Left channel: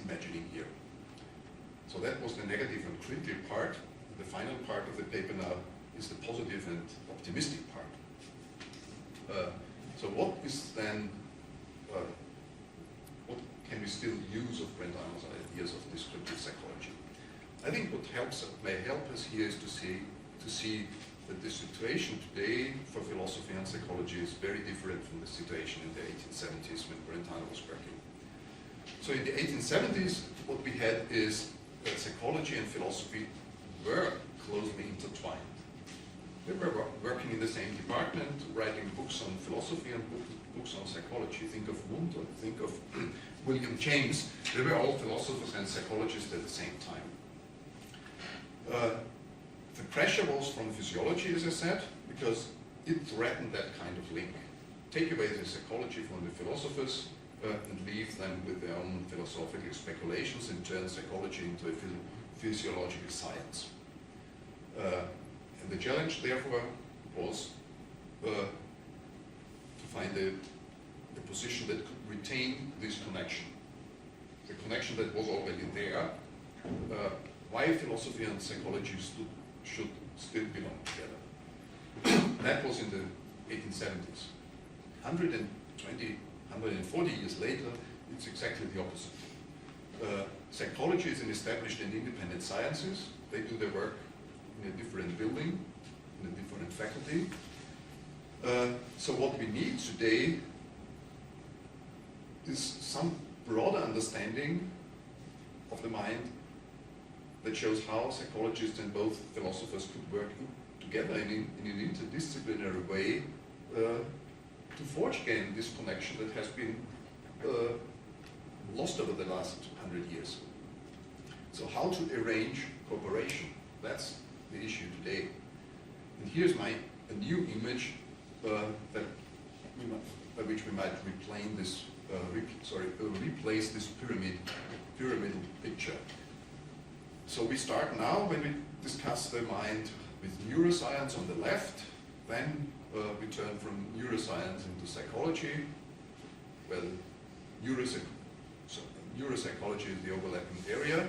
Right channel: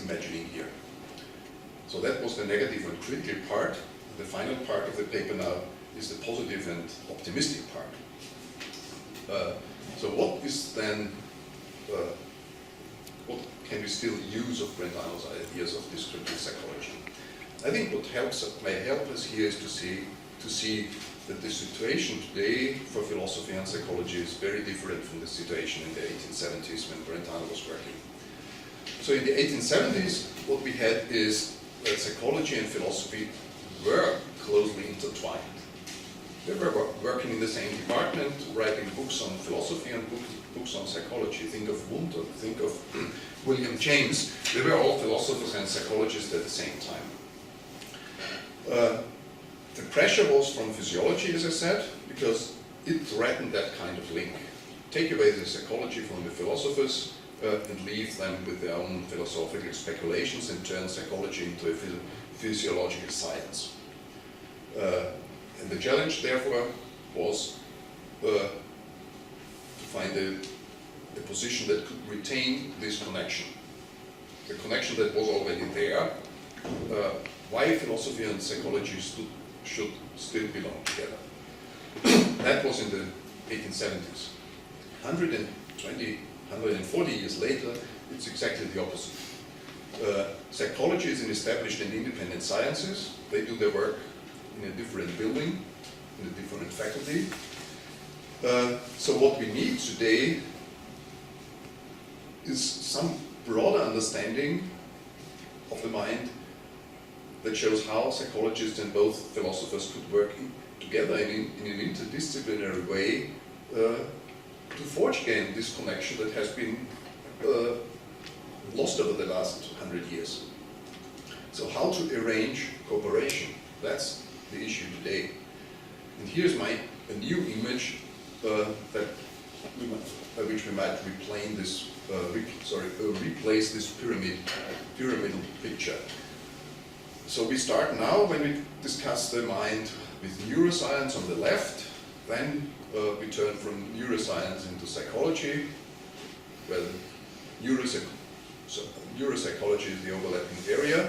imagining here. So that was the negative and critical part. The final part of the paper now is the positive and optimistic part. So what is then, what can we still use of Brentano's ideas of descriptive psychology? I think what may help us here is to see that the situation today for philosophy and psychology is very different from the situation in the 1870s when Brentano was working. So in the 1870s, what we had is that psychology and philosophy were closely intertwined. They were working in the same department, writing books on philosophy and books on psychology. Think of Wundt or think of William James. They were all philosophers and psychologists at the same time. The pressure was from physiology, as I said, because it threatened that kind of link. Take away the psychology from the philosophers and leave them with their own philosophical speculations and turn psychology into a physiological science. And the challenge, therefore, was to find a position that could retain this connection. The connection that was already there, why philosophy and psychology should still belong together. That was in the 1870s. 120, 140 years later, it's exactly the opposite. Psychology is an established and independent sciences. They do their work in a different building, in a different faculty. So what we need today is some broader understanding of the mind that shows how psychologists and both philosophers could work together in an interdisciplinary way to forge again this connection that has been lost over the last 100 years. So how to arrange cooperation, that's the issue today. And here's a new image by which we might replace this pyramidal picture. So we start now when we discuss the mind with neuroscience on the left, then we turn from neuroscience into psychology, where neuropsychology is the overlapping area.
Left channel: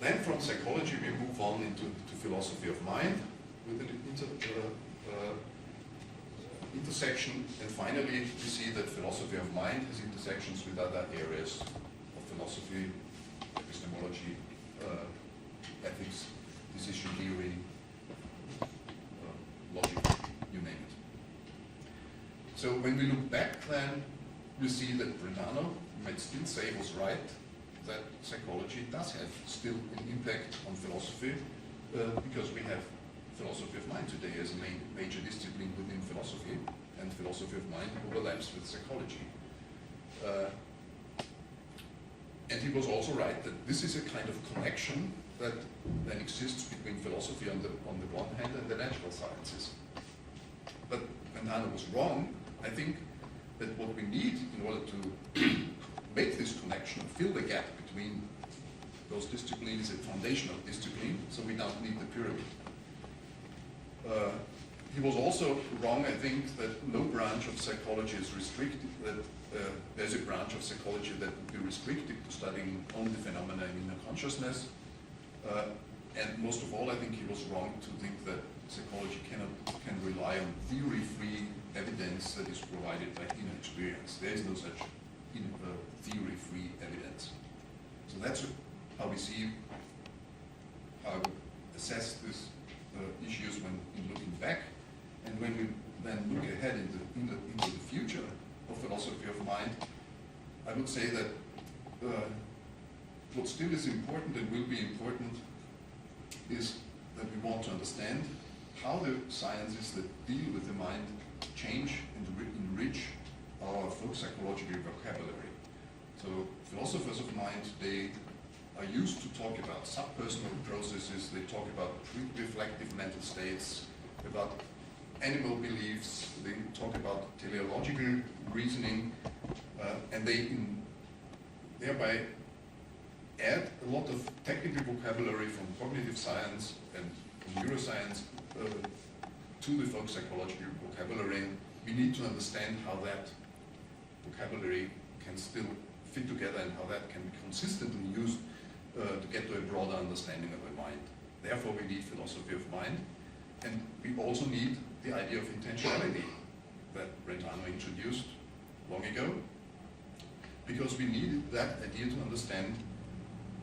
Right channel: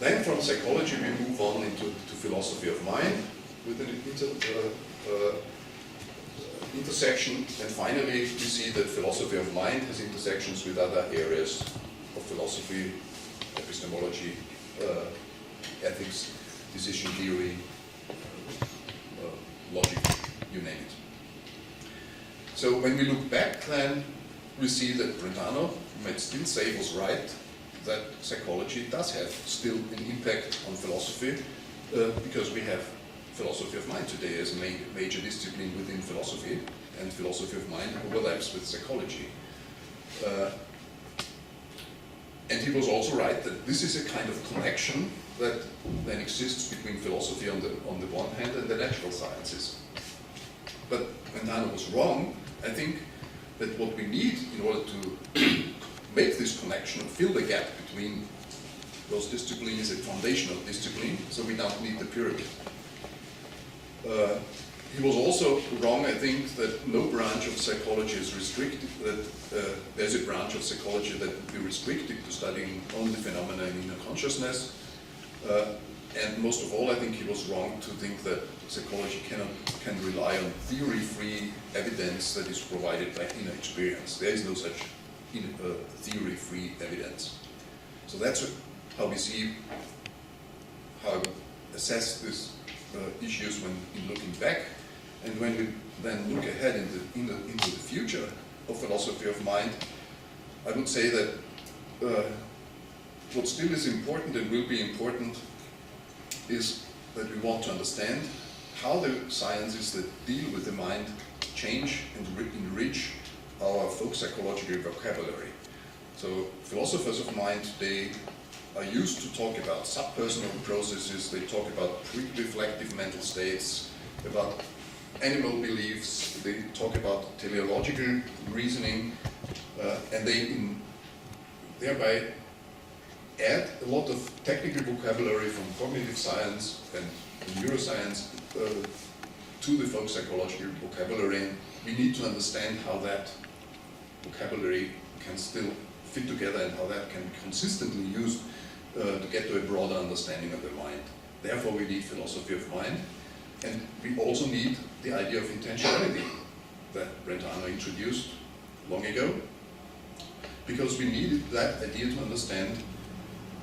Then from psychology we move on into philosophy of mind with an intersection, and finally we see that philosophy of mind has intersections with other areas of philosophy, epistemology, ethics, decision theory, logic, you name it. So when we look back then, we see that Brentano might still say was right, that psychology does have still an impact on philosophy because we have philosophy of mind today as a major discipline within philosophy, and philosophy of mind overlaps with psychology. And he was also right that this is a kind of connection that then exists between philosophy on the one hand and the natural sciences. But Brentano was wrong. I think that what we need in order to make this connection and fill the gap between those disciplines, a foundational discipline, so we don't need the pyramid. He was also wrong, I think, that no branch of psychology is restricted, that there's a branch of psychology that would be restricted to studying only phenomena in inner consciousness. And most of all, I think he was wrong to think that psychology can rely on theory-free evidence that is provided by inner experience. There is no such theory-free evidence. So that's how we see, how we assess these issues when in looking back. And when we then look ahead into the future of philosophy of mind, I would say that what still is important and will be important is that we want to understand how the sciences that deal with the mind change and enrich our folk psychological vocabulary. So philosophers of mind today are used to talk about subpersonal processes, they talk about pre-reflective mental states, about animal beliefs, they talk about teleological reasoning, and they thereby add a lot of technical vocabulary from cognitive science and neuroscience to the folk psychological vocabulary. We need to understand how that vocabulary can still fit together and how that can be consistently used to get to a broader understanding of the mind. Therefore, we need philosophy of mind, and we also need the idea of intentionality that Brentano introduced long ago, because we needed that idea to understand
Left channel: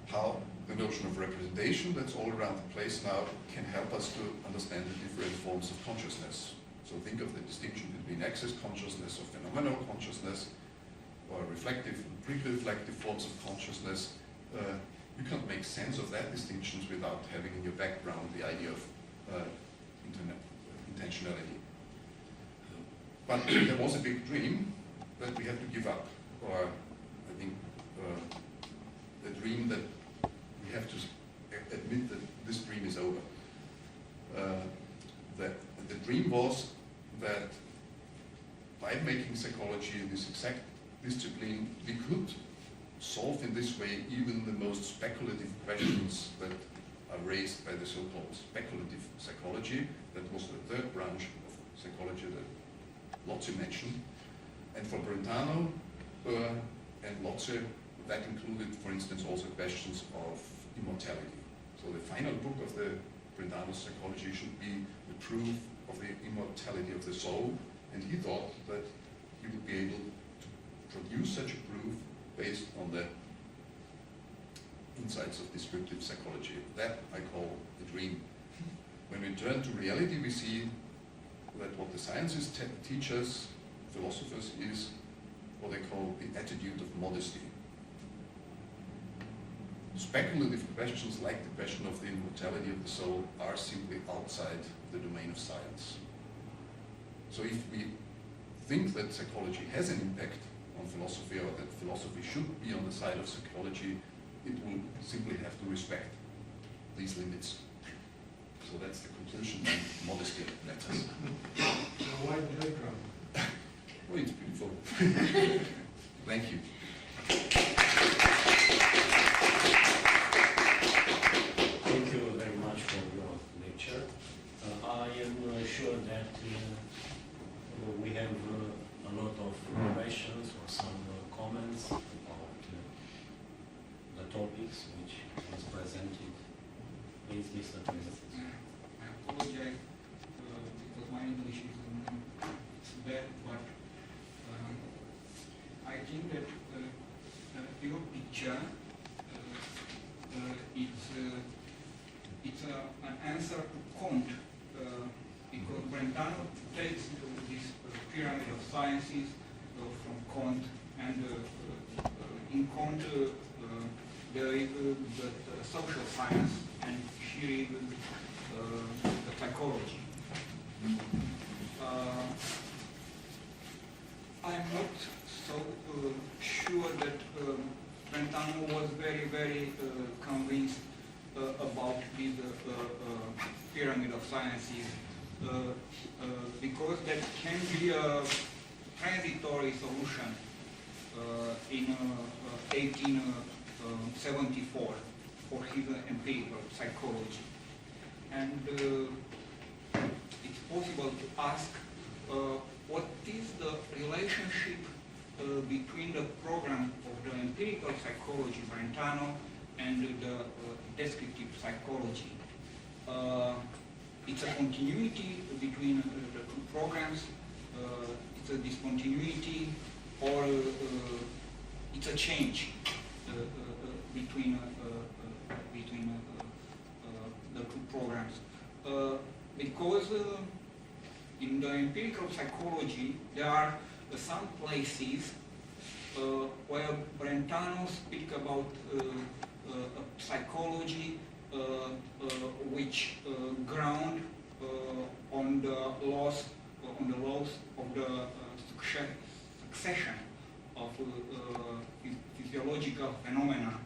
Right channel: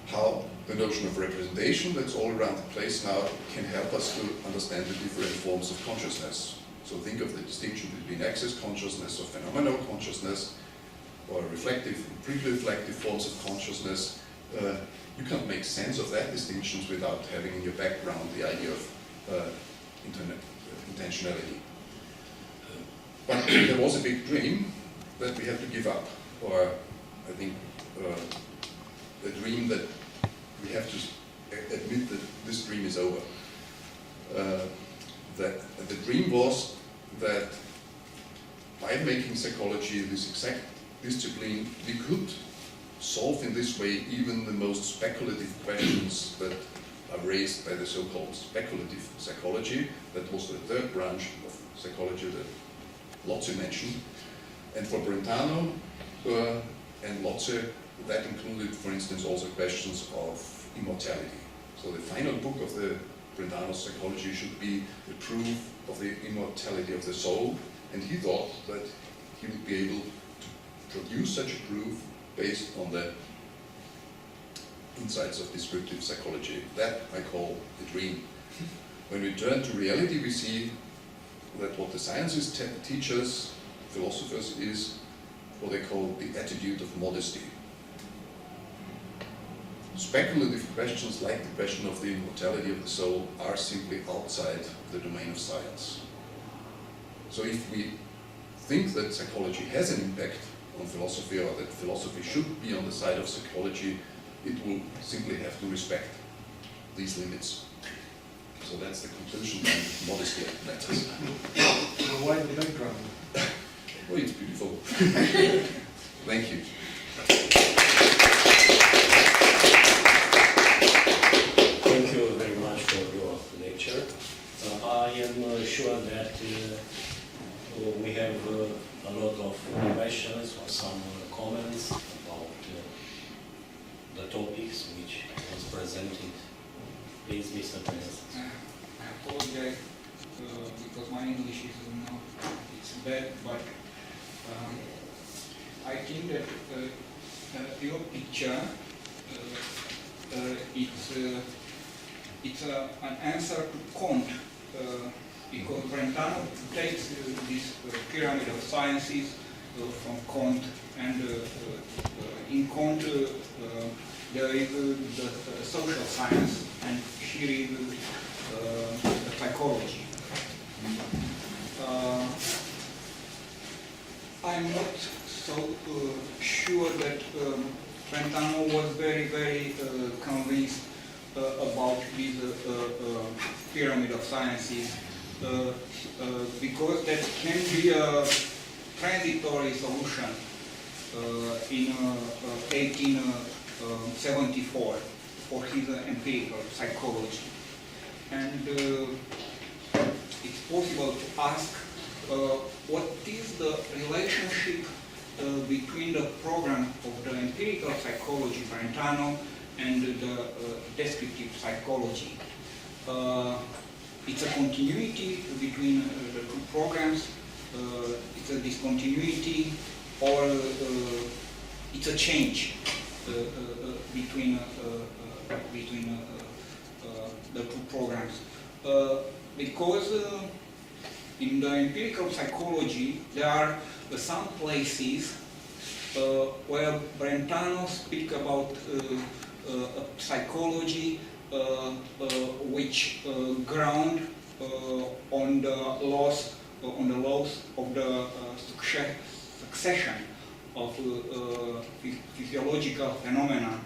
how the notion of representation that's all around the place now can help us to understand the different forms of consciousness. So think of the distinction between access consciousness or phenomenal consciousness, or reflective and pre-reflective forms of consciousness. You can't make sense of that distinctions without having in your background the idea of intentionality. But there was a big dream that we had to give up, or I think a dream that we have to admit that this dream is over. That the dream was that by making psychology this exact discipline, we could solve in this way even the most speculative questions that are raised by the so-called speculative psychology. That was the third branch of psychology that Lotze mentioned. And for Brentano and Lotze, that included, for instance, also questions of immortality. So the final book of the Brentano psychology should be the proof of the immortality of the soul, and he thought that he would be able to produce such a proof based on the insights of descriptive psychology. That I call the dream. When we turn to reality, we see that what the sciences teach us, philosophers, is what they call the attitude of modesty. Speculative questions like the question of the immortality of the soul are simply outside the domain of science. So if we think that psychology has an impact on philosophy, or that philosophy should be on the side of psychology, it will simply have to respect these limits. So that's the conclusion and modesty matters. Why the background? Oh, it's beautiful. Thank you. Thank you very much for your lecture. I am sure that we have a lot of questions or some comments about the topics which was presented. Please, Mr. President. I apologize because my English is not, it's bad, but I think that your picture it's an answer to Kant, because Brentano takes this pyramid of sciences from Kant, and in Kant there is the social science, and here is the psychology. I'm not so sure that Brentano was very convinced about this pyramid of sciences, because that can be a transitory solution in 1874 for his empirical psychology. And it's possible to ask what is the relationship between the program of the empirical psychology, Brentano, and the descriptive psychology. It's a continuity between the two programs, it's a discontinuity, or it's a change between the two programs. Because in the empirical psychology, there are some places where Brentano speaks about a psychology which ground on the laws of the succession of physiological phenomena,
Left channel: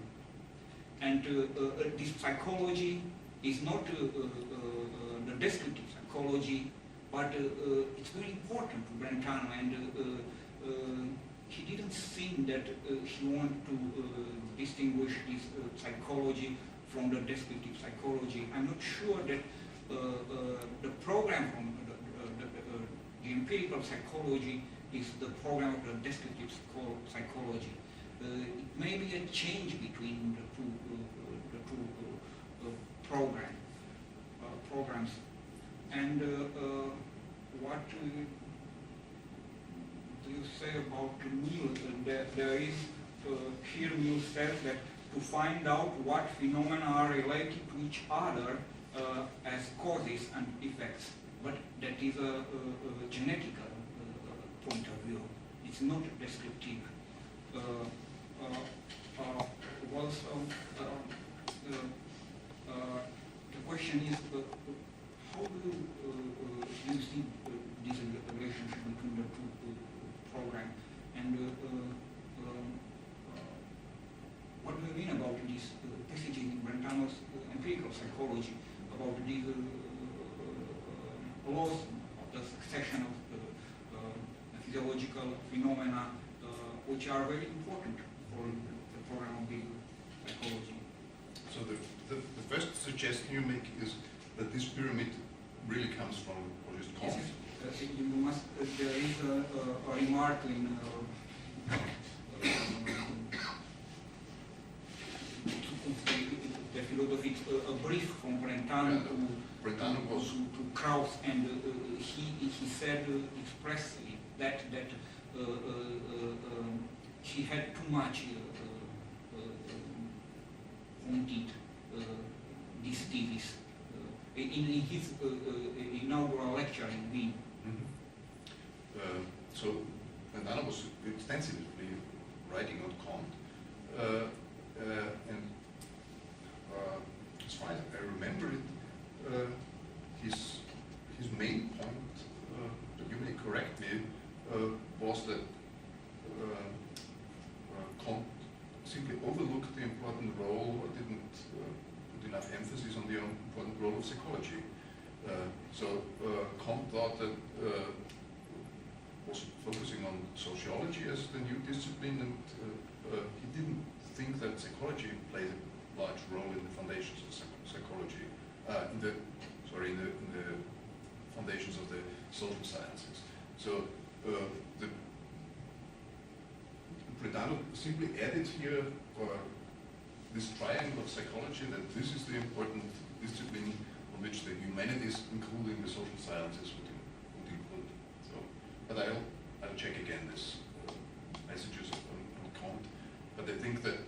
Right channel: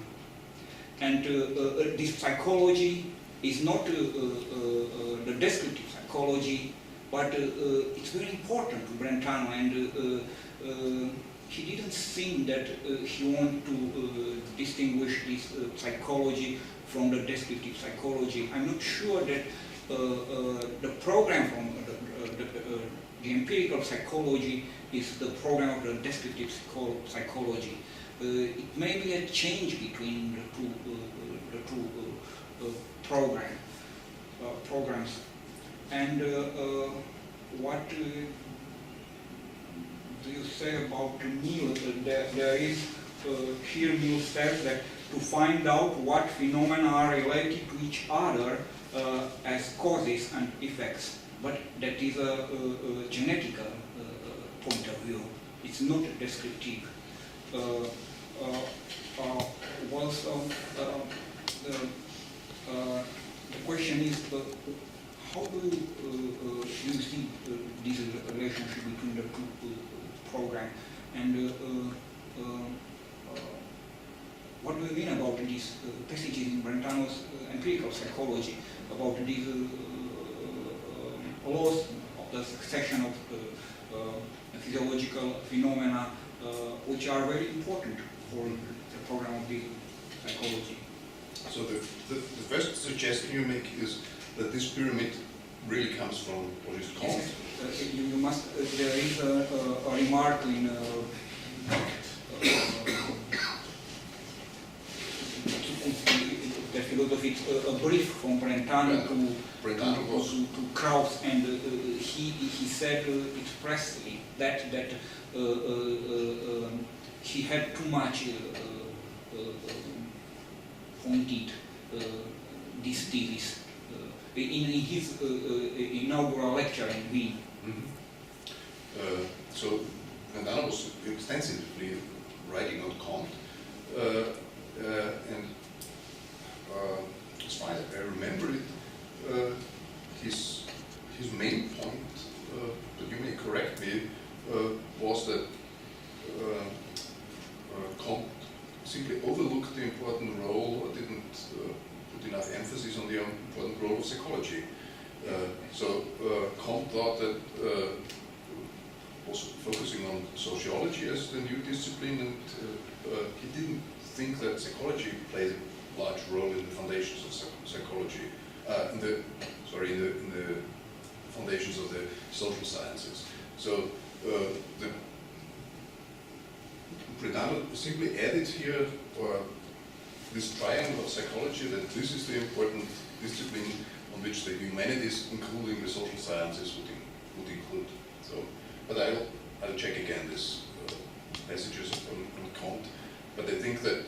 and this psychology is not the descriptive psychology, but it's very important to Brentano, and he didn't think that he wanted to distinguish this psychology from the descriptive psychology. I'm not sure that the program from the empirical psychology is the program of the descriptive psychology. it may be a change between the two programs. And what do you say about Mill? There is here Mill says that to find out what phenomena are related to each other as causes and effects, but that is a genetic point of view. It's not descriptive. Also, the question is, how do you see this relationship between the two programs? And what do you mean about these passages in Brentano's empirical psychology, about these laws of the succession of physiological phenomena, which are very important for the program of the psychology? So the first suggestion you make is that this pyramid really comes from what is called. Yes, you must. There is a remark in the philosophy, a brief from Brentano to Krauss, and he said expressly that he had too much pointed this thesis in his inaugural lecture in Wien. Mm-hmm. So Brentano was extensively writing on Kant, and as far as I remember it, his main point, but you may correct me, was that Kant simply overlooked the important role, or didn't put enough emphasis on the important role of psychology. So Kant thought that was focusing on sociology as the new discipline, and he didn't think that psychology played a large role in the foundations of psychology, in the foundations of the social sciences. So Brentano simply added here this triangle of psychology, that this is the important discipline on which the humanities, including the social sciences, would include. So, but I'll check again this passages on Kant. But I think that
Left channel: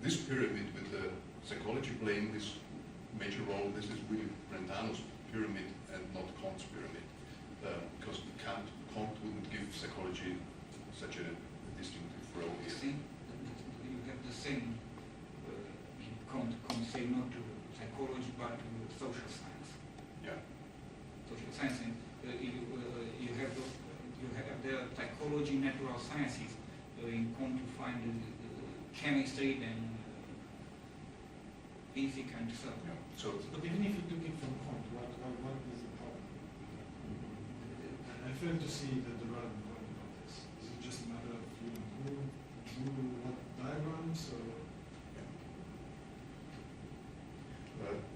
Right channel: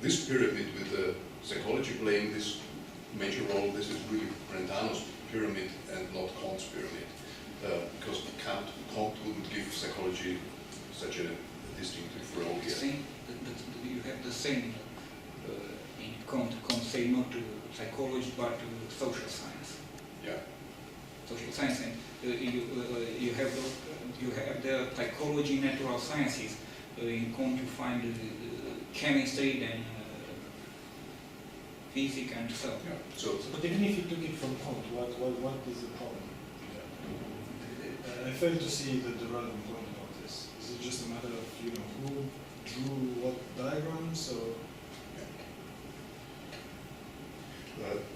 this pyramid with the psychology playing this major role, this is really Brentano's pyramid and not Kant's pyramid, because Kant wouldn't give psychology such a distinctive role here. You have the same in Kant say not to psychology but to social science. Yeah. Social science, and you have the psychology, natural sciences. In Kant you find chemistry, then physics, and so. Yeah. So, But even if you took it from Kant, what is the problem? I fail to see the relevant point about this. Is it just a matter of who drew what diagrams, or?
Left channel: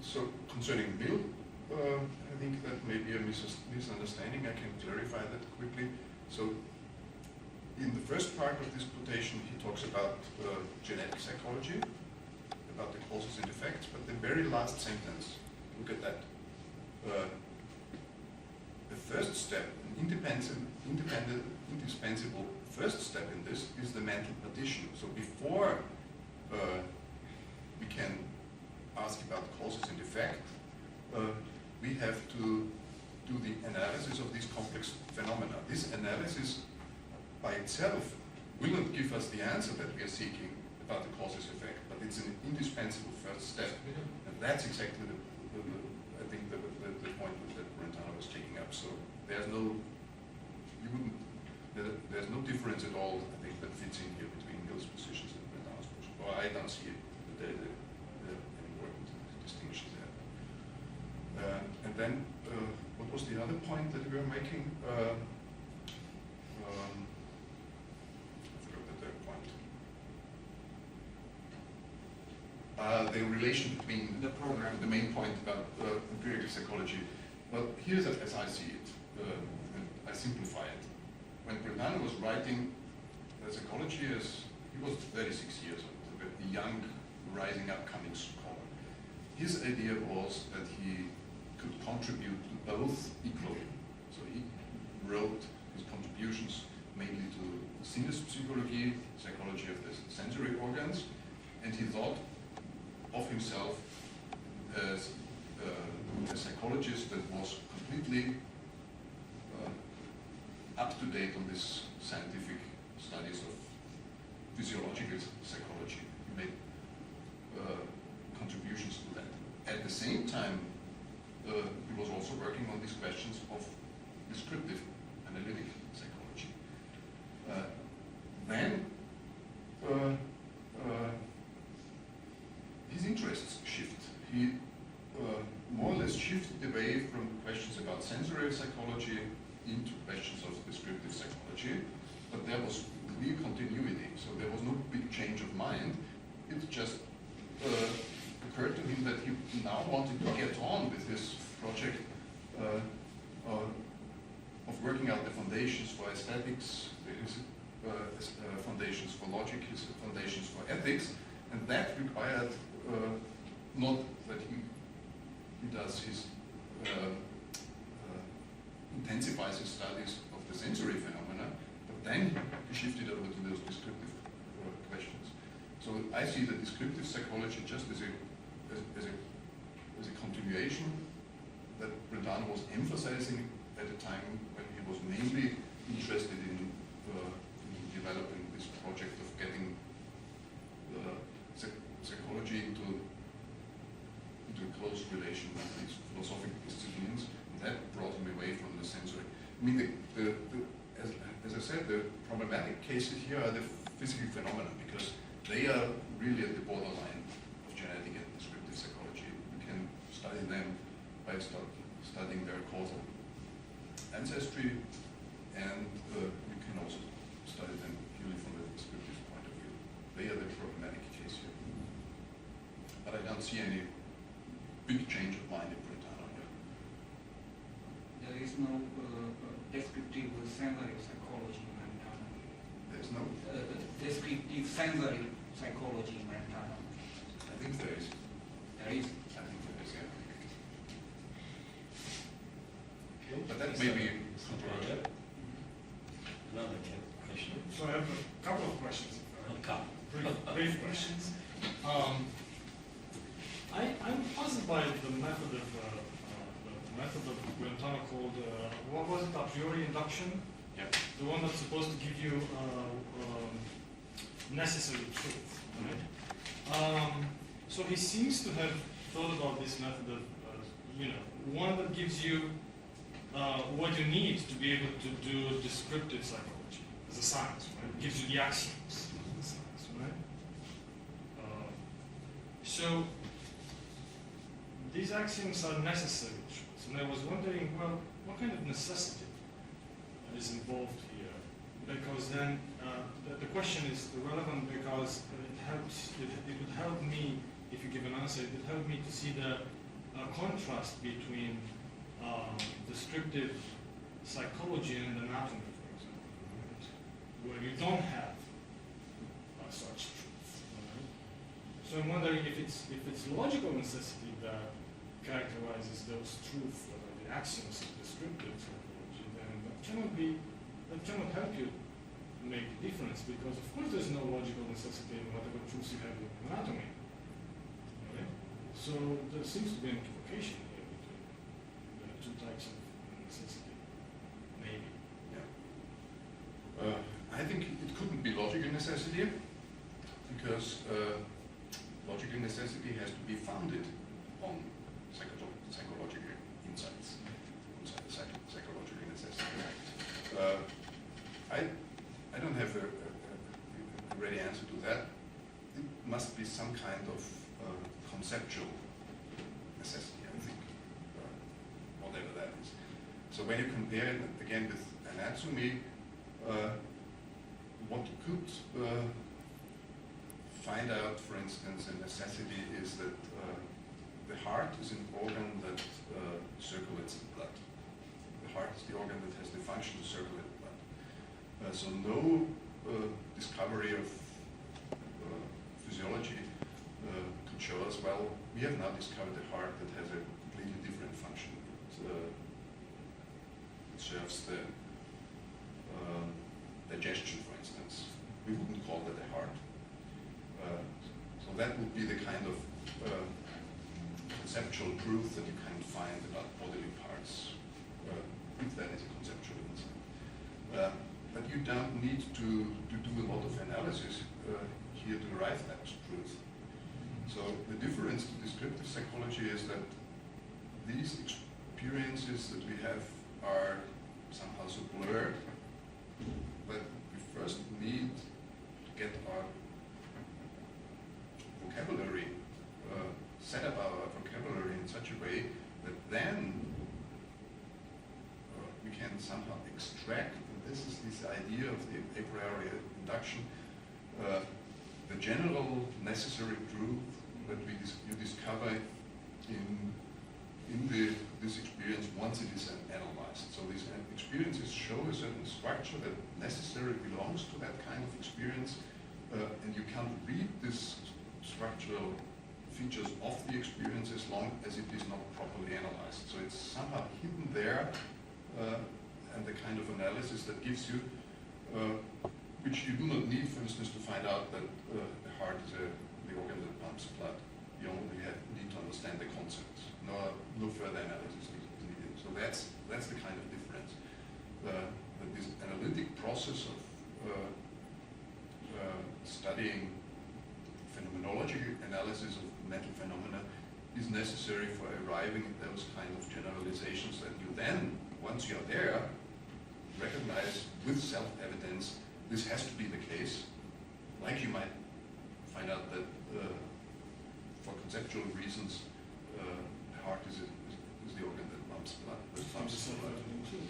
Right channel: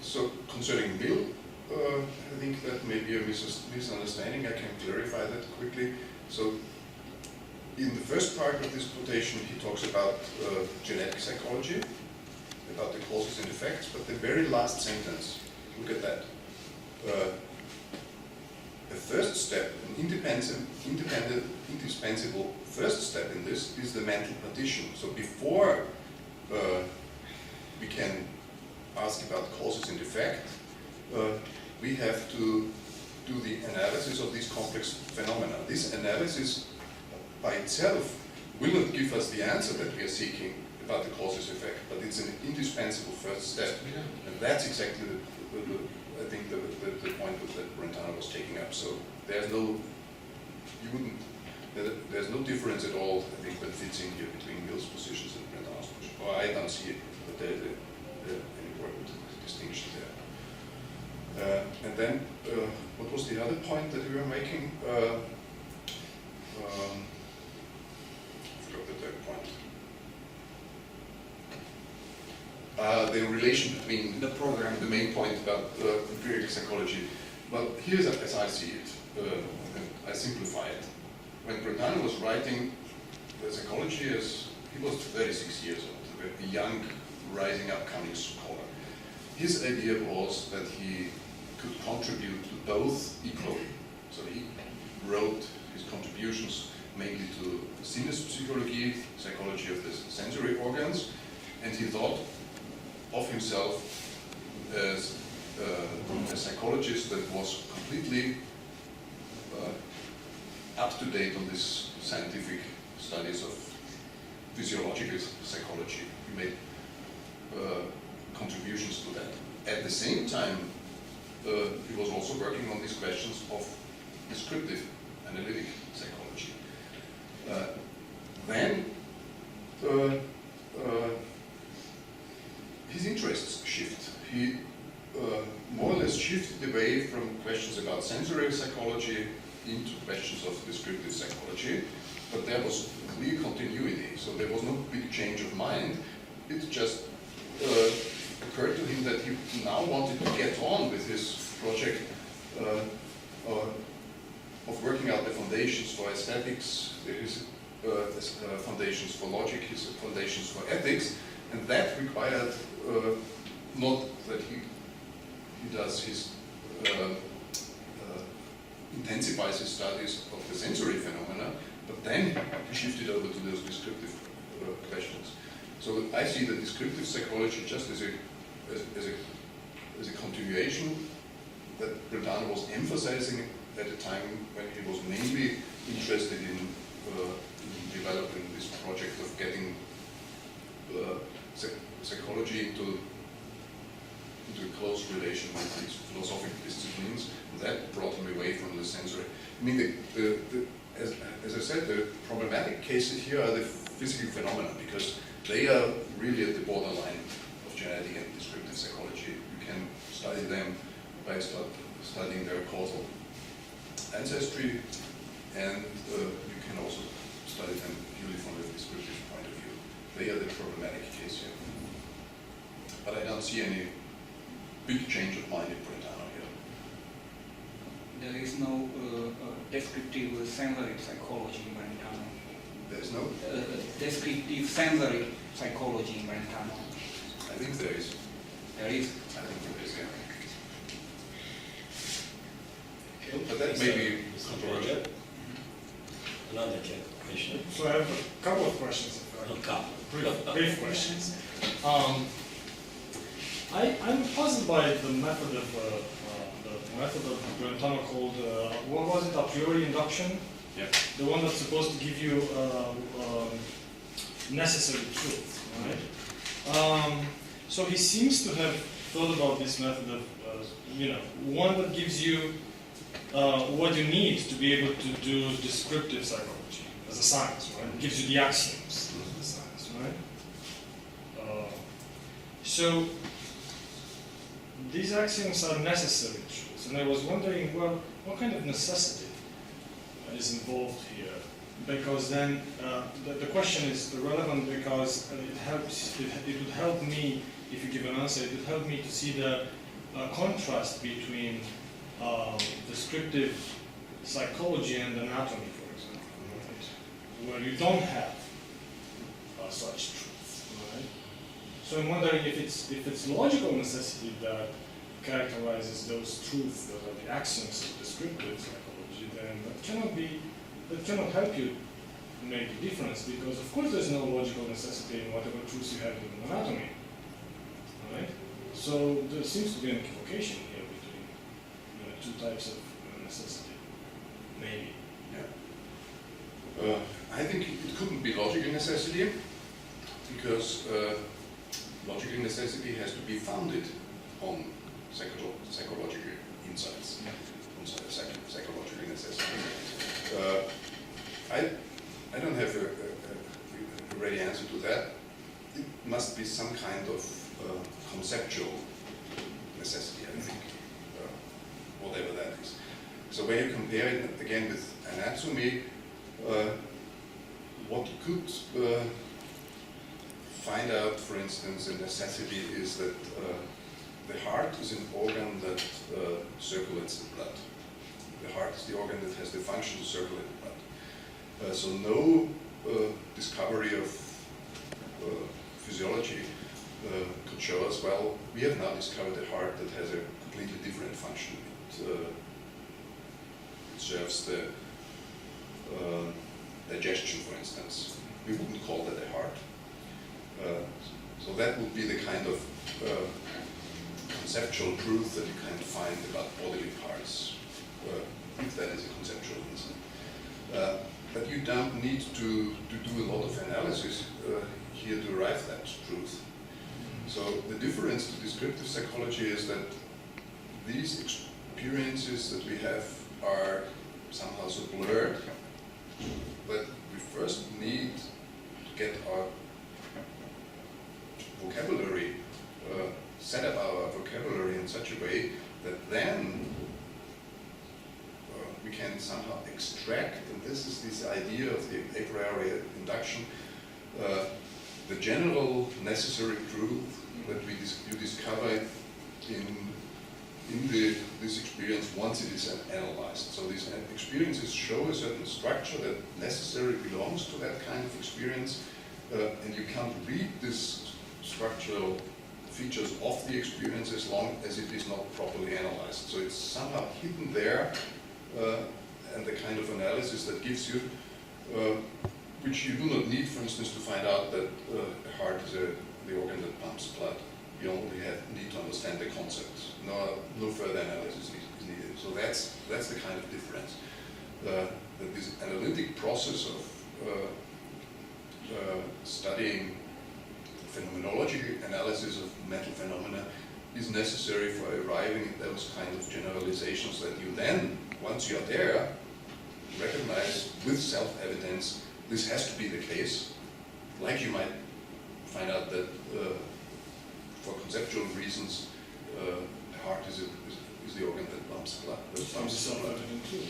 So concerning Mill, I think that may be a misunderstanding. I can clarify that quickly. So in the first part of this quotation, he talks about genetic psychology, about the causes and effects, but the very last sentence, look at that. The first step, an indispensable first step in this is the mental partition. So before we can ask about causes and effect, we have to do the analysis of these complex phenomena. This analysis by itself will not give us the answer that we are seeking about the causes effect, but it's an indispensable first step. And that's exactly I think the point that Brentano was taking up. So there's no difference at all, I think, that fits in here between Mill's positions and Brentano's position. Or I don't see it, but there's an important distinction there. And then, what was the other point that we were making? I forgot the third point. The relation between The program. The main point about empirical psychology. Well, here's as I see it, and I simplify it. When Brentano was writing the psychology as he was 36 years old, a young, rising, upcoming scholar. His idea was that he could contribute to both equally. So he wrote his contributions mainly to Sinnespsychologie, psychology of the sensory organs, and he thought of himself as a psychologist that was completely up to date on this scientific studies of physiological psychology. He made contributions to that. At the same time, he was also working on these questions of descriptive analytic psychology. Then his interests shift. He more or less shifted away from questions about sensory psychology into questions of descriptive psychology, but there was clear continuity, so there was no big change of mind. It just occurred to him that he now wanted to get on with his project of working out the foundations for aesthetics, his foundations for logic, his foundations for ethics, and that required not that he does his intensifies his studies of the sensory phenomena, but then he shifted over to those descriptive questions. So I see the descriptive psychology just as a continuation that Brentano was emphasizing at a time when he was mainly interested in developing this project of getting psychology into a close relation with these philosophical disciplines, and that brought him away from the sensory. I mean, as I said, the problematic cases here are the physical phenomena, because they are really at the borderline of genetic and descriptive psychology. You can study them by studying their causal ancestry, and you can also study them purely from a descriptive point of view. They are the problematic case here. But I don't see any big change of mind in Brentano here. There is no descriptive sensory psychology in Brentano. There is no? Descriptive sensory psychology in Brentano. I think there is. There is. I think there is, yeah. Okay. But that may be controversial. Another question. So I have a couple of questions. A couple. Brief questions. I'm puzzled by the method of Brentano called, what was it, a priori induction? Yeah. The one that's supposed to give you necessary truth, right? So he seems to have thought about this method of, one that gives you what you need to be able to do descriptive psychology as a science, right? It gives you the axioms as a science, right? So these axioms are necessary truths, and I was wondering, well, what kind of necessity is involved here? Because then the question is relevant because it helps. It would help me, if you give an answer, it would help me to see the contrast between descriptive psychology and anatomy, for example, right? Where you don't have such truth, right? So I'm wondering if it's logical necessity that characterizes those truths that are the axioms of descriptive psychology, then that cannot help you make the difference, because of course there's no logical necessity in whatever truths you have in anatomy, right? So there seems to be an equivocation here between two types of necessity, maybe. Yeah. I think it couldn't be logical necessity, because logical necessity has to be founded on psychological insights, on psychological necessity. I don't have a ready answer to that. It must be some kind of conceptual necessity, I think, whatever that is. So when you compare it again with anatomy, what you could find out, for instance, a necessity is that the heart is an organ that circulates the blood. The heart is the organ that has the function to circulate the blood. So no discovery of physiology could show us, well, we have now discovered a heart that has a completely different function. It serves the digestion, for instance. We wouldn't call that a heart. So that would be the kind of conceptual truth that you can find about bodily parts, if that is a conceptual insight. But you don't need to do a lot of analysis here to arrive at that truth. So the difference to descriptive psychology is that these experiences that we have are somehow so blurred that we first need to get our vocabulary, set up our vocabulary in such a way that then we can somehow extract, and this is this idea of the a priori induction, the general necessary truth that you discover in this experience once it is analyzed. So these experiences show a certain structure that necessarily belongs to that kind of experience, and you can't read this structural features of the experience as long as it is not properly analyzed. So it's somehow hidden there, and the kind of analysis that gives you, which you do not need, for instance, to find out that a heart is the organ that pumps blood. You only need to understand the concept. No further analysis is needed. So that's the kind of difference. That this analytic process of studying phenomenology, analysis of mental phenomena, is necessary for arriving at those kind of generalizations that you then, once you're there, recognize with self-evidence this has to be the case. Like you might find out that for conceptual reasons, the heart is the organ that pumps blood. Self-evident too.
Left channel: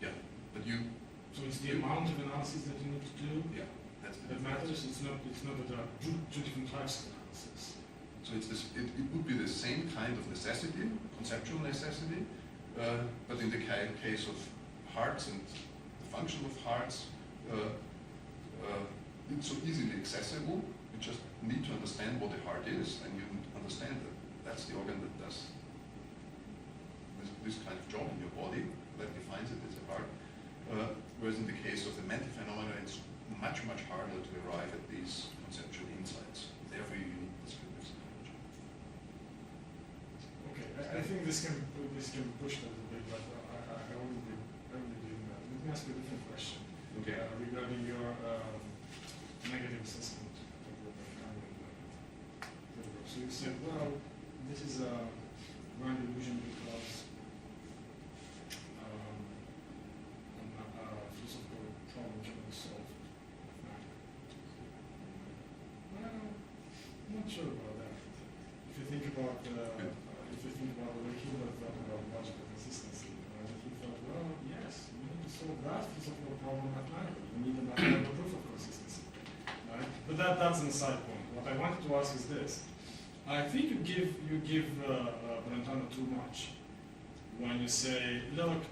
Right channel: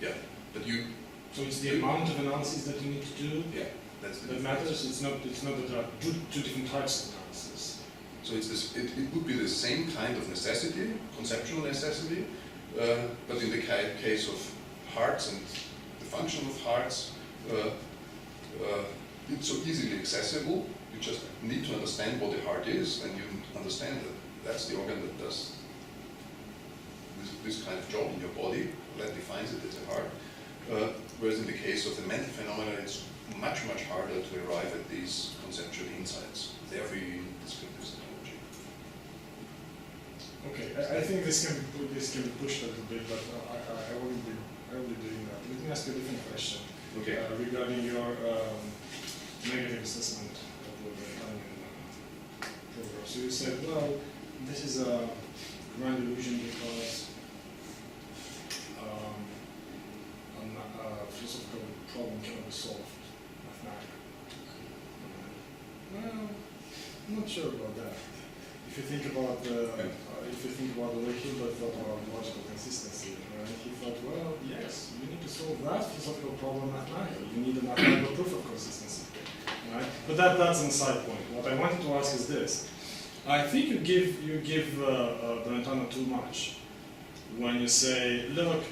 Yeah, but you. So it's the amount of analysis that you need to do. Yeah, that's the that matters. It's not that there are two different types of analysis. So it's this. It would be the same kind of necessity, conceptual necessity, but in the case of hearts and the function of hearts, it's so easily accessible. You just need to understand what the heart is, and you understand that that's the organ that does this kind of job in your body, that defines it as a heart. Whereas in the case of the mental phenomena, it's much, much harder to arrive at these conceptual insights. Therefore, you need descriptive psychology. Okay, I think this can be pushed a little bit, but I wouldn't be doing that. Let me ask you a different question. Okay. Regarding your negative assessment of the Brentano program. So you said, well, this is a grand illusion because a philosophical problem cannot be solved mathematically. Well, I'm not sure about that. If you think about the way Hilbert thought about logical consistency, right? He thought, well, yes, you need to solve that philosophical problem mathematically. You need a mathematical proof of consistency, right? But that's an aside point. What I wanted to ask is this: I think you give Brentano too much when you say, look,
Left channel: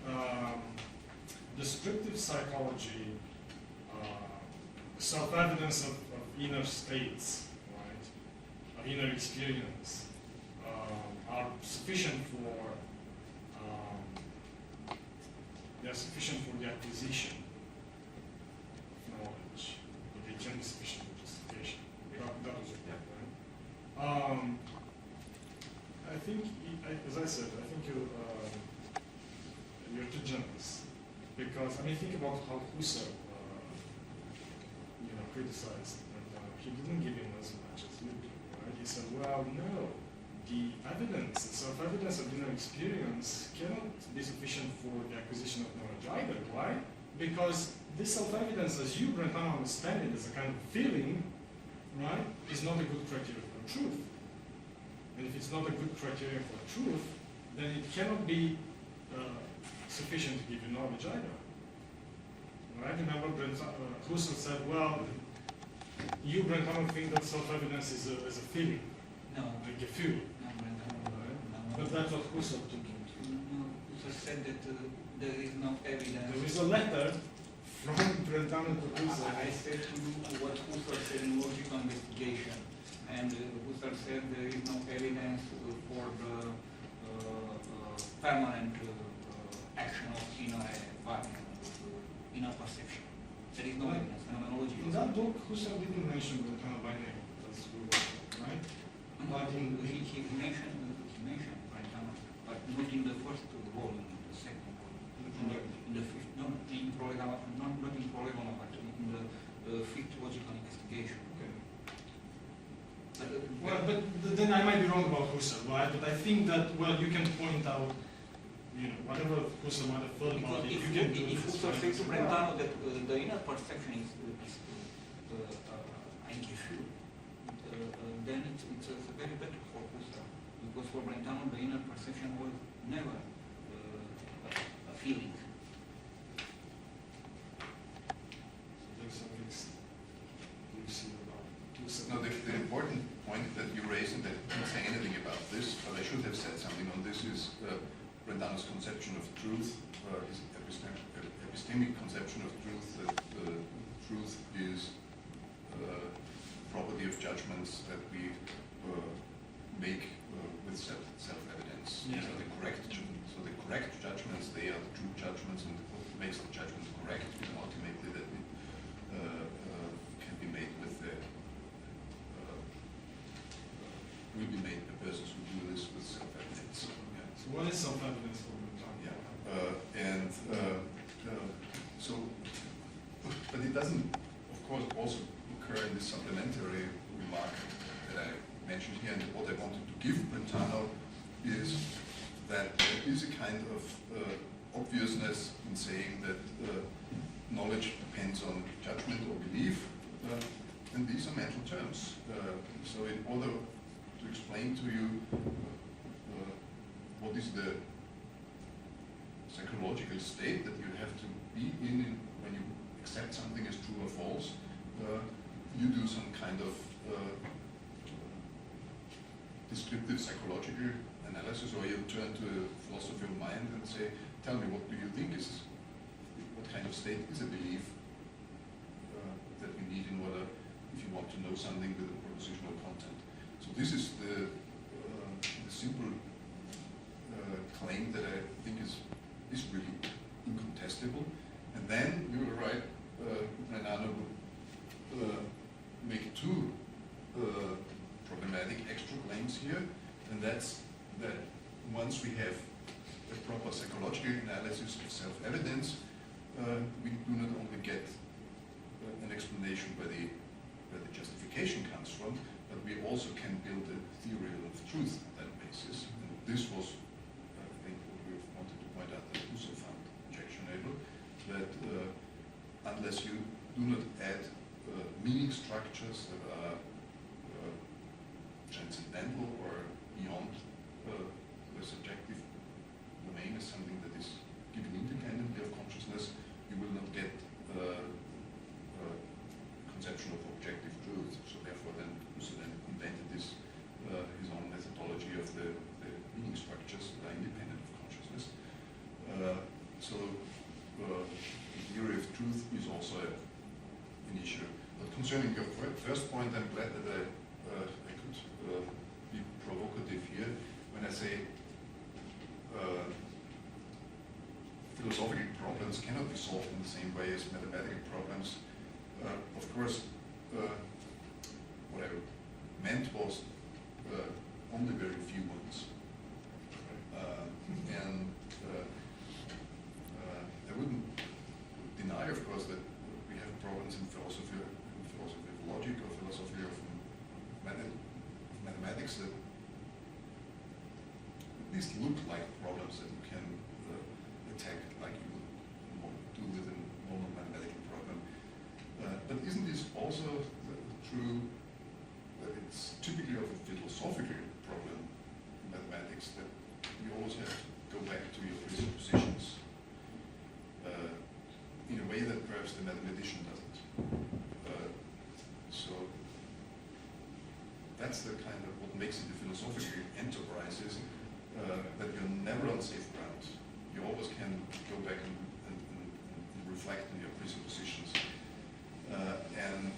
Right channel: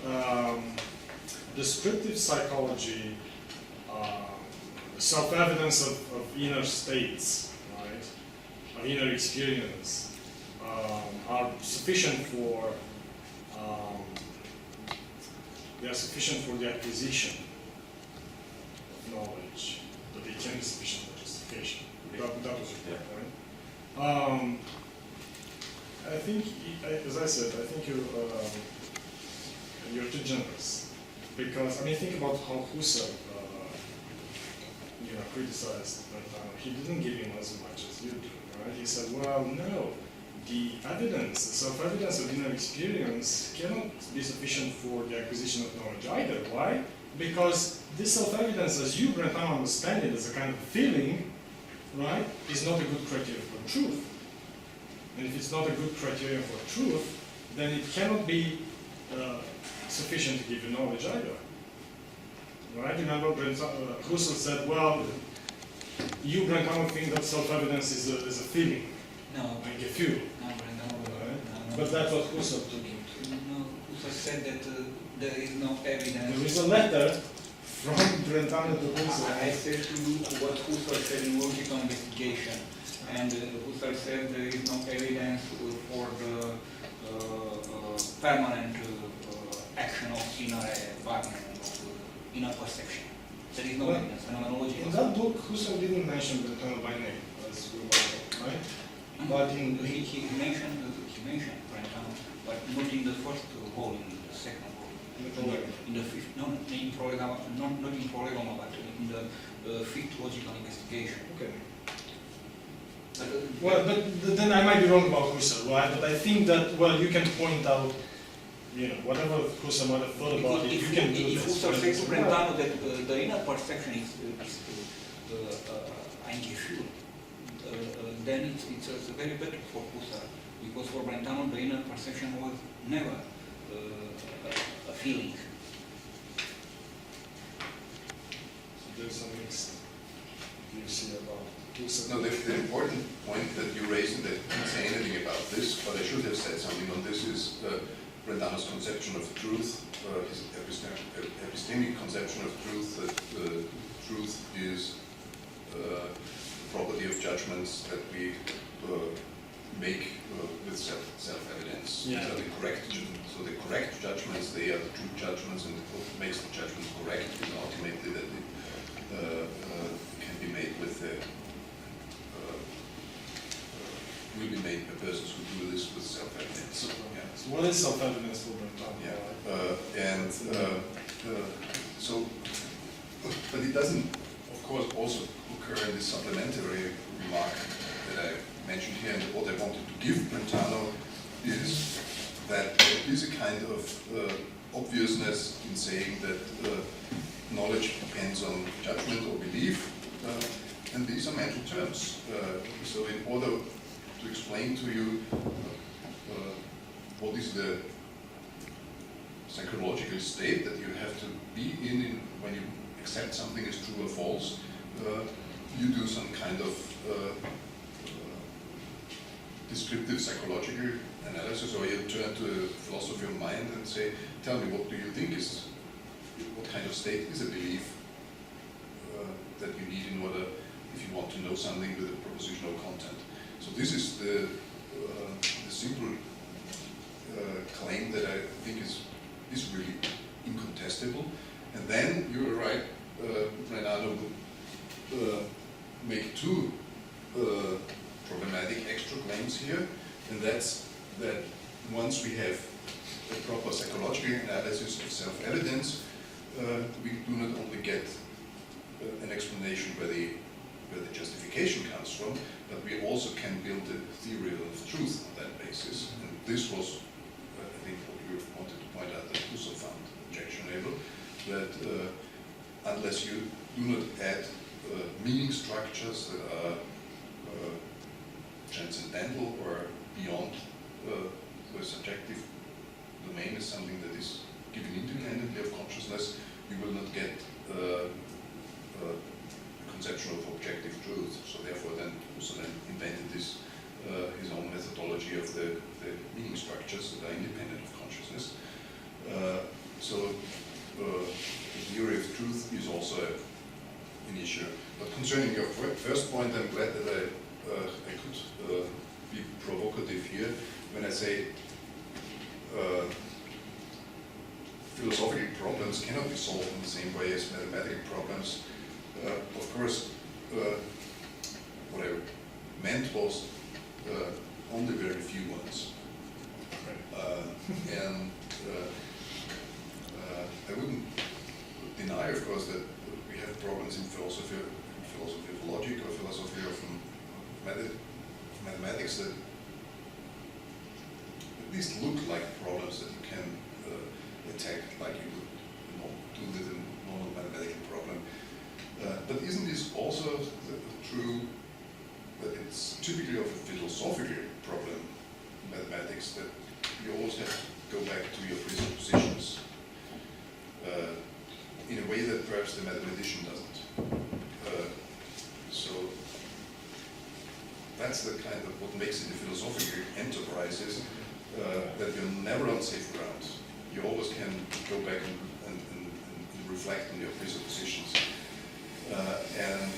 descriptive psychology, self-evidence of inner states, right, of inner experience, are sufficient for they are sufficient for the acquisition of knowledge, but they can be sufficient for justification. That was your point, right? I think, as I said, I think you're too generous, because I mean, think about how Husserl, criticized Brentano. He didn't give him as much as you do, right? He said, well, no, the evidence, self-evidence of inner experience cannot be sufficient for the acquisition of knowledge either. Why? Because this self-evidence, as you, Brentano, understand it as a kind of feeling, right, is not a good criterion for truth. And if it's not a good criterion for truth, then it cannot be sufficient to give you knowledge either. Right? Remember, Husserl said, well, you, Brentano, think that self-evidence is a feeling, No, like a fuel. no, Brentano. Right? No. But that's what Husserl took him to. No, Husserl said that there is no evidence. There is a letter from Brentano to Husserl. I said to you what Husserl said in logical investigation, and Husserl said there is no evidence for the permanent action of inner environment, of inner perception. There is no Well, evidence, phenomenology. In that book, Husserl didn't mention Brentano by name, as we were told, right? But in He mentioned Brentano, but not in the first volume, in the second volume. In the fifth, no, in Prolegoma, not in Prolegoma, but in the fifth logical investigation. Okay. But, Well, but then I might be wrong about Husserl, right? But I think that, well, you can point out, you know, whatever Husserl might have thought about it, you can do if this. Husserl says to Brentano that the inner perception is eingeführt, then it's very better for Husserl, because for Brentano the inner perception was never a feeling. So there's some mixed you see about Husserl. No, the important point that you raised, and that I didn't say anything about this, but I should have said something on this, is Brentano's conception of truth, his epistemic conception of truth, that truth is the property of judgments that we make with self-evidence. Yeah. So the correct judgments, they are the true judgments, and what makes the judgment correct is ultimately that it can be made with the will be made by persons who do this with self-evidence. Yeah. So what is self-evidence for Brentano? Yeah, so, but it doesn't, of course, also occur in this supplementary remark that I mentioned here, and what I wanted to give Brentano is that there is a kind of obviousness in saying that knowledge depends on judgment or belief, and these are mental terms. So in order to explain to you what is the psychological state that you have to be in when you accept something as true or false, you do some kind of descriptive psychological analysis, or you turn to a philosophy of mind and say, tell me, what do you think is, what kind of state is a belief that you need in order, if you want to know something with a propositional content. So this is the simple claim that I think is really incontestable. And then you're right, Brentano would make two problematic extra claims here, and that's that once we have a proper psychological analysis of self-evidence, we do not only get an explanation where the justification comes from, but we also can build a theory of truth on that basis. And this was, I think, what we wanted to point out that Husserl found objectionable, that unless you do not add meaning structures that are transcendental or beyond the subjective domain as something that is given independently of consciousness, you will not get a conception of objective truth. So therefore then Husserl invented this, his own methodology of the meaning structures that are independent of consciousness. So the theory of truth is also an issue. But concerning your first point, I'm glad that I could be provocative here when I say philosophical problems cannot be solved in the same way as mathematical problems. Of course, what I meant was only very few ones. And I wouldn't deny, of course, that we have problems in philosophy of logic or philosophy of mathematics that at least look like problems that you can attack like you would do with a normal mathematical problem. But isn't this also true that it's typically of a philosophical problem in mathematics, that you always have to go back to your presuppositions in a way that perhaps the mathematician doesn't. So that's the kind of what makes it a philosophical enterprise, is that you're never on safe ground. You always can go back and reflect on your presuppositions. And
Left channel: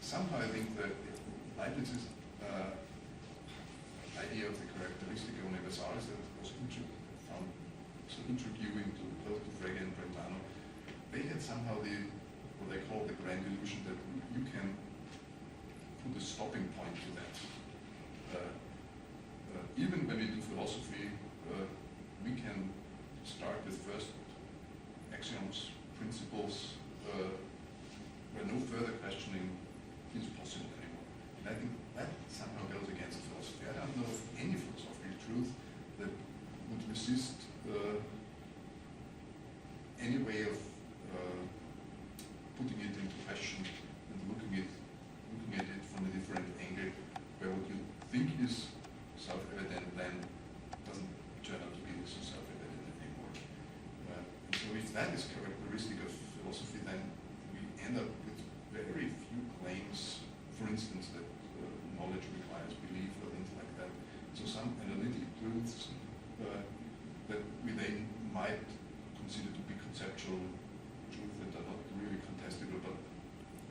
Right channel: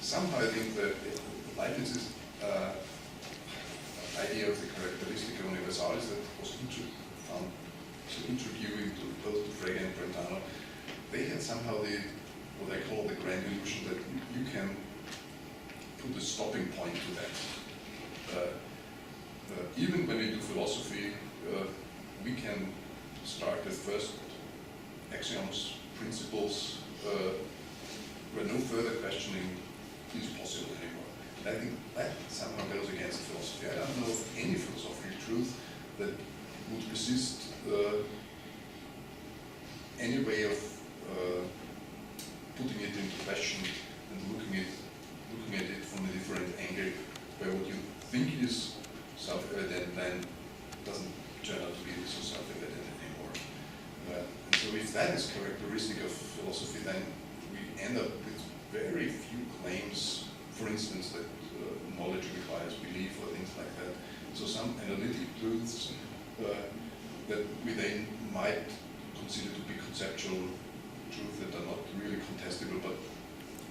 somehow I think that Leibniz's idea of the characteristica universalis that was found so intriguing to both to Frege and Brentano, they had somehow what I call the grand illusion that you can put a stopping point to that. Even when we do philosophy, we can start with first axioms, principles, where no further questioning is possible anymore. And I think that somehow goes against philosophy. I don't know of any philosophical truth that would resist any way of putting it into question and looking at it from a different angle, where what you think is self-evident then doesn't turn out to be so self-evident anymore. And so if that is characteristic of philosophy, then we end up with very few claims, for instance, that knowledge requires belief or things like that. So some analytic truths that we then might consider to be conceptual truth that are not really contestable, but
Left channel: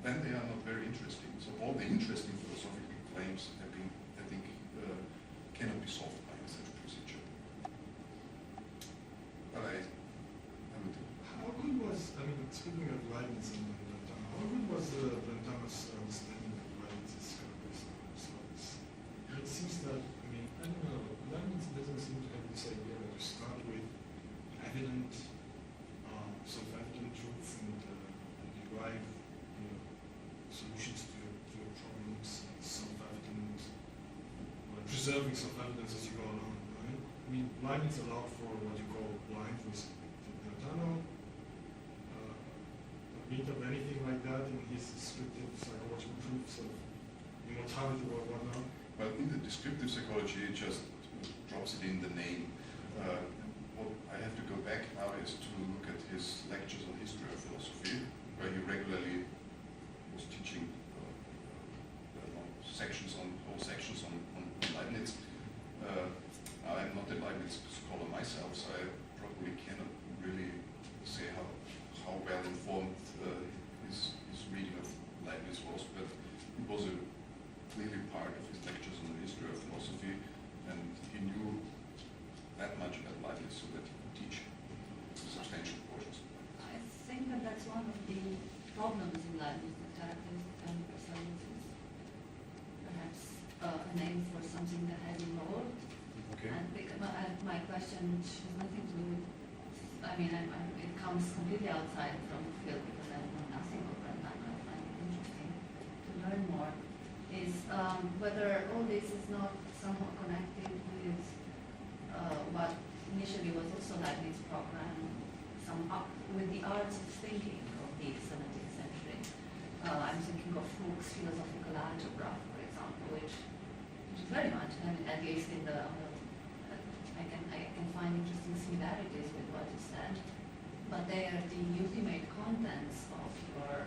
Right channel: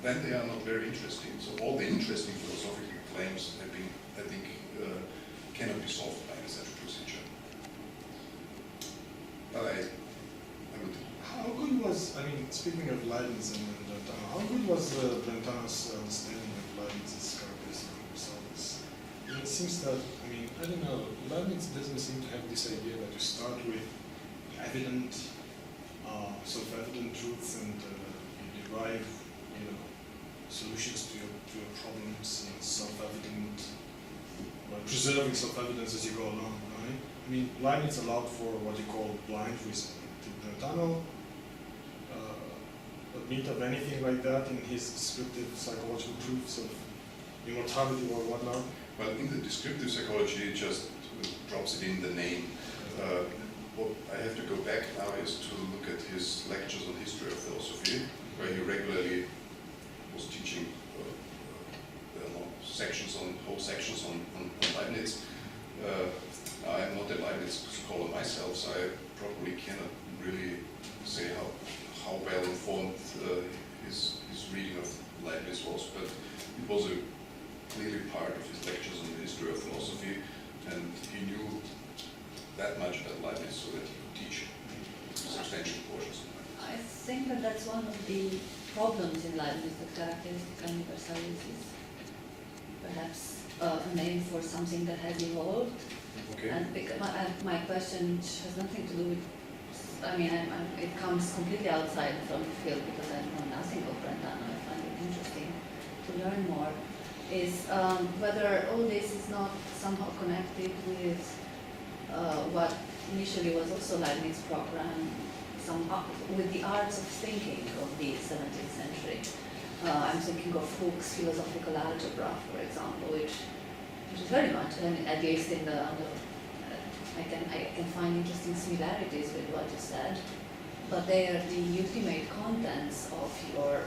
then they are not very interesting. So all the interesting philosophical claims have been, I think, cannot be solved by such a procedure. But I would. How good was, I mean, speaking of Leibniz and Brentano, how good was Brentano's understanding of Leibniz's characteristic universalis? It seems that, I mean, I don't know, Leibniz doesn't seem to have this idea that you start with evident, self-evident truths and you derive, solutions to your problems in self-evident, or preserving self-evidence as you go along, right? I mean, Leibniz allowed for what you call blind reasoning. Did Brentano admit of anything like that in his descriptive psychological proofs of immortality or whatnot? Well, in the descriptive psychology, it just drops it in the name. What I have to go back now is to look at his lectures on history of philosophy, where he regularly was teaching whole sections on Leibniz. I'm not a Leibniz scholar myself, so I probably cannot really say how well informed his reading of Leibniz was, but it was clearly part of his lectures on the history of philosophy, and he knew that much about Leibniz so that he could teach substantial portions of Leibniz. I think that that's one of the problems in Leibniz, the characteristica universalis is perhaps a name for something that has evolved. Okay. And because my question has nothing to do with, I mean, it comes completely outside from the field because I know nothing of Brentano. I find it interesting to learn more. Is whether all this is not somehow connected with what initially was also Leibniz's program, with the arts of thinking of the 17th century. I'm thinking of Hooke's philosophical algebra, for example, which is very much, at least in I can find interesting similarities with what you said, but they are the ultimate contents of your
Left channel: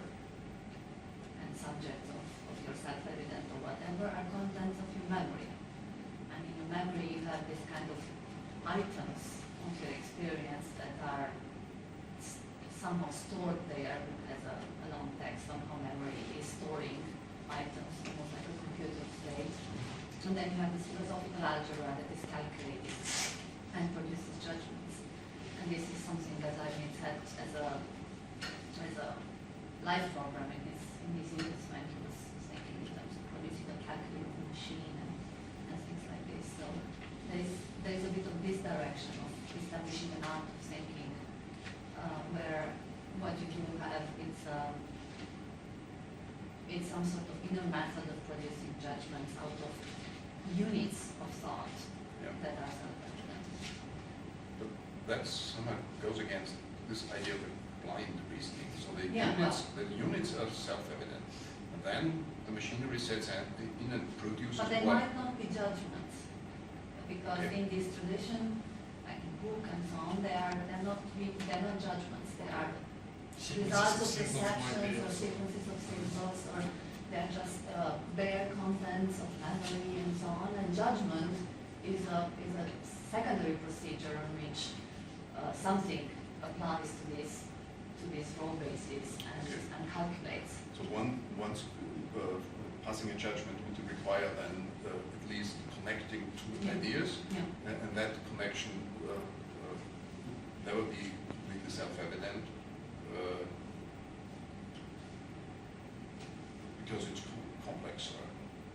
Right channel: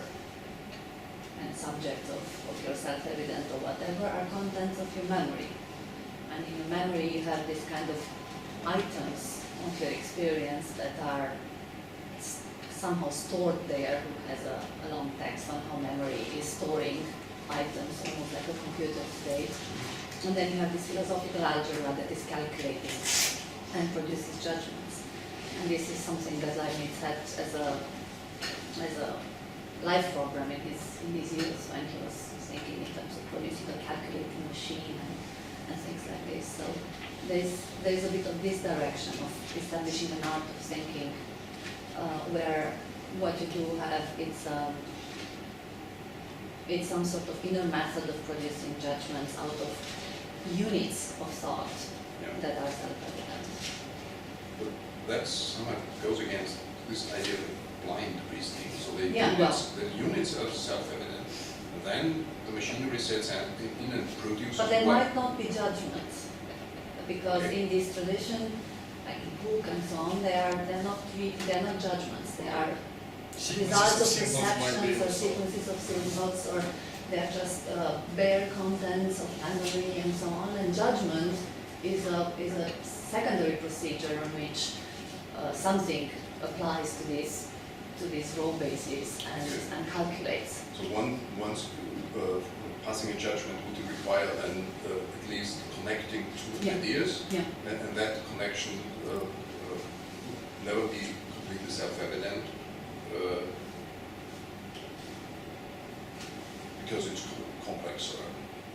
and subjects of your self-evident or whatever are contents of your memory. And in your memory you have this kind of items of your experience that are somehow stored there. Who has a long text on how memory is storing items, almost like a computer state. And then you have this philosophical algebra that is calculating and produces judgments. And this is something that Leibniz had as a life program in his youth when he was thinking in terms of producing a calculating machine and things like this. So there's a bit of this direction of establishing an art of thinking where what you do have it's some sort of inner method of producing judgments out of units of thought that are self-evident. But that somehow goes against this idea of blind reasoning. So the units are self-evident, and then the machinery sets in and produces. But they might not be judgments, because in this tradition, like in Hooke and so on, they're not judgments. They are results of perceptions or sequences of symbols, or they're just bare contents of memory and so on. And judgment is a secondary procedure on which something applies to this raw basis and calculates. So once passing a judgment would require then at least connecting two Yeah. ideas, Yeah. and that connection would never be completely self-evident because it's complex or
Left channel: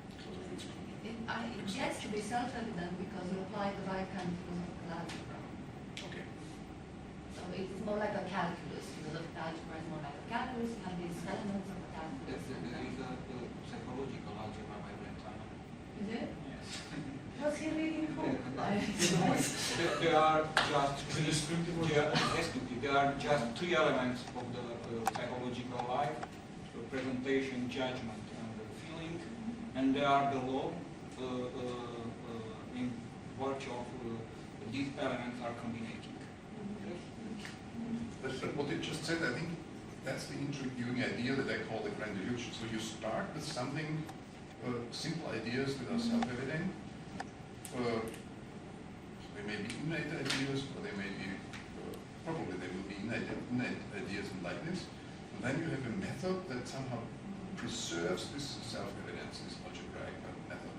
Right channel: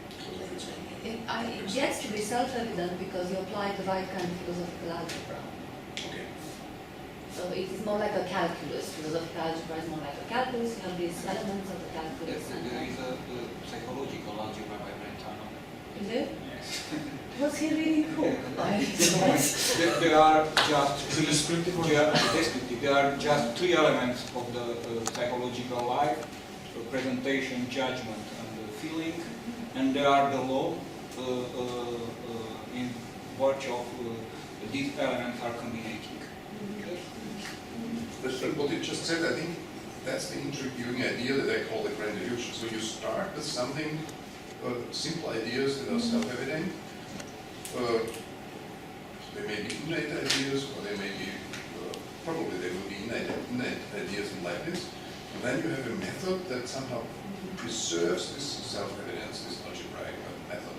because of its It gets to be self-evident because you apply the right kind of philosophical algebra. Okay. So it is more like a calculus. Philosophical algebra is more like a calculus. You have these elements of the calculus. There is a psychological algebra by Brentano. Is it? Yes. Was he reading who? There are just Is it descriptive or descriptive. There are just three elements of the psychological life: presentation, judgment, and feeling. And there are the law in virtue of these elements are combinating. But what you just said, I think that's the intriguing idea that I call the grand illusion. So you start with something, simple ideas that are self-evident. They may be innate ideas, or they may be, probably they will be innate ideas in Leibniz. And then you have a method that somehow preserves this self-evidence, this algebraic method.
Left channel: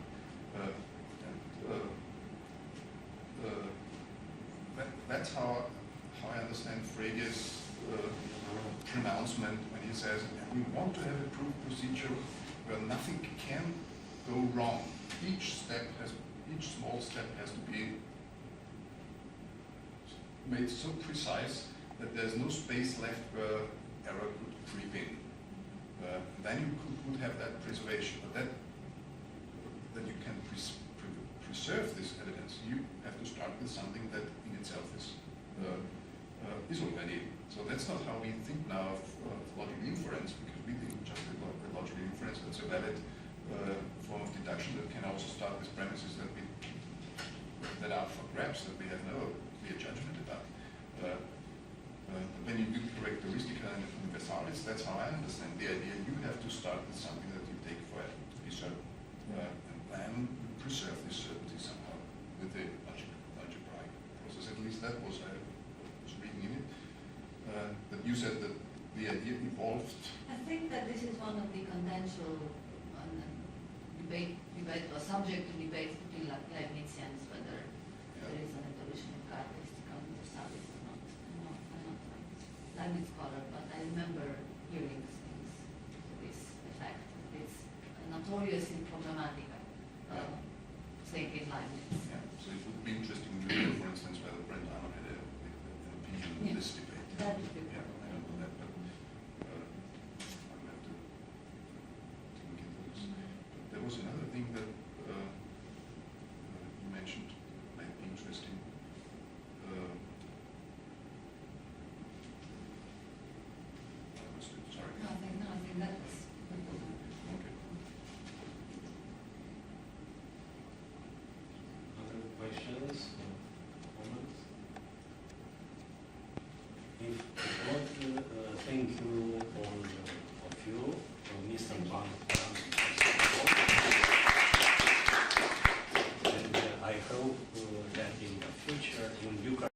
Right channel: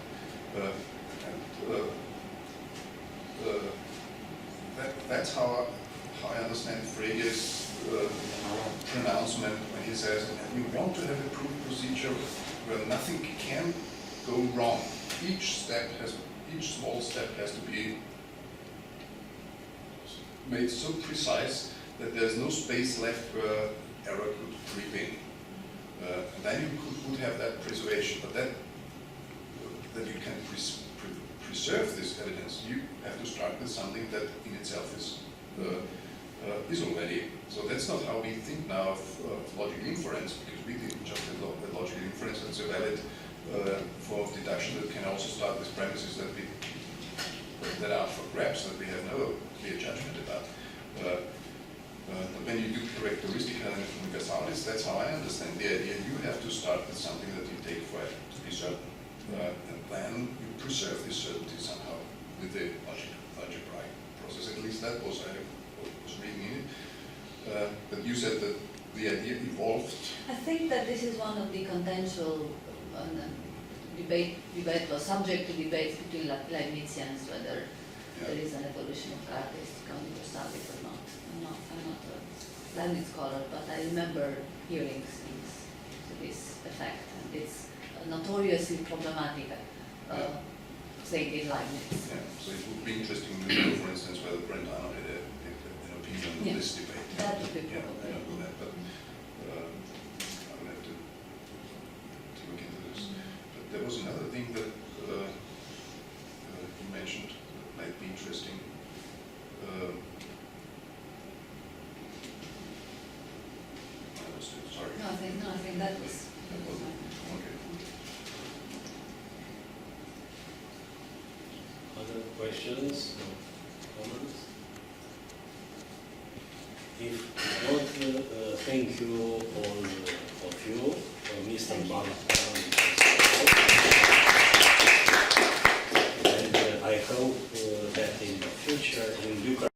That's how I understand Frege's pronouncement when he says, you want to have a proof procedure where nothing can go wrong. Each small step has to be made so precise that there's no space left where error could creep in. And then you could have that preservation, but that you can preserve this evidence, you have to start with something that in itself is already. So that's not how we think now of logical inference, because we think just that logical inference is a valid form of deduction that can also start with premises that are for grabs, that we have no clear judgment about. But when you do characteristic universalis, that's how I understand the idea. You have to start with something that you take for it to be certain, and then you preserve this certainty somehow with the algebraic process. At least that was I was reading in it. But you said that the idea evolved. I think that this is one of the contentious debate or subject to debates between Leibnizians whether there is an evolution of characteristic universalis or not. I'm not a Leibniz scholar, but I remember hearing things to this effect. And it's a notoriously problematic thing in Leibniz. Yeah. So it would be interesting to know, for instance, whether Brentano had an opinion on this debate. That would be I probably. don't know that, but I would have to look into this. But there was another thing that you mentioned that might be interesting. I lost it, sorry. No, I think that was fine. Okay. Other questions or comments? If not, thank you all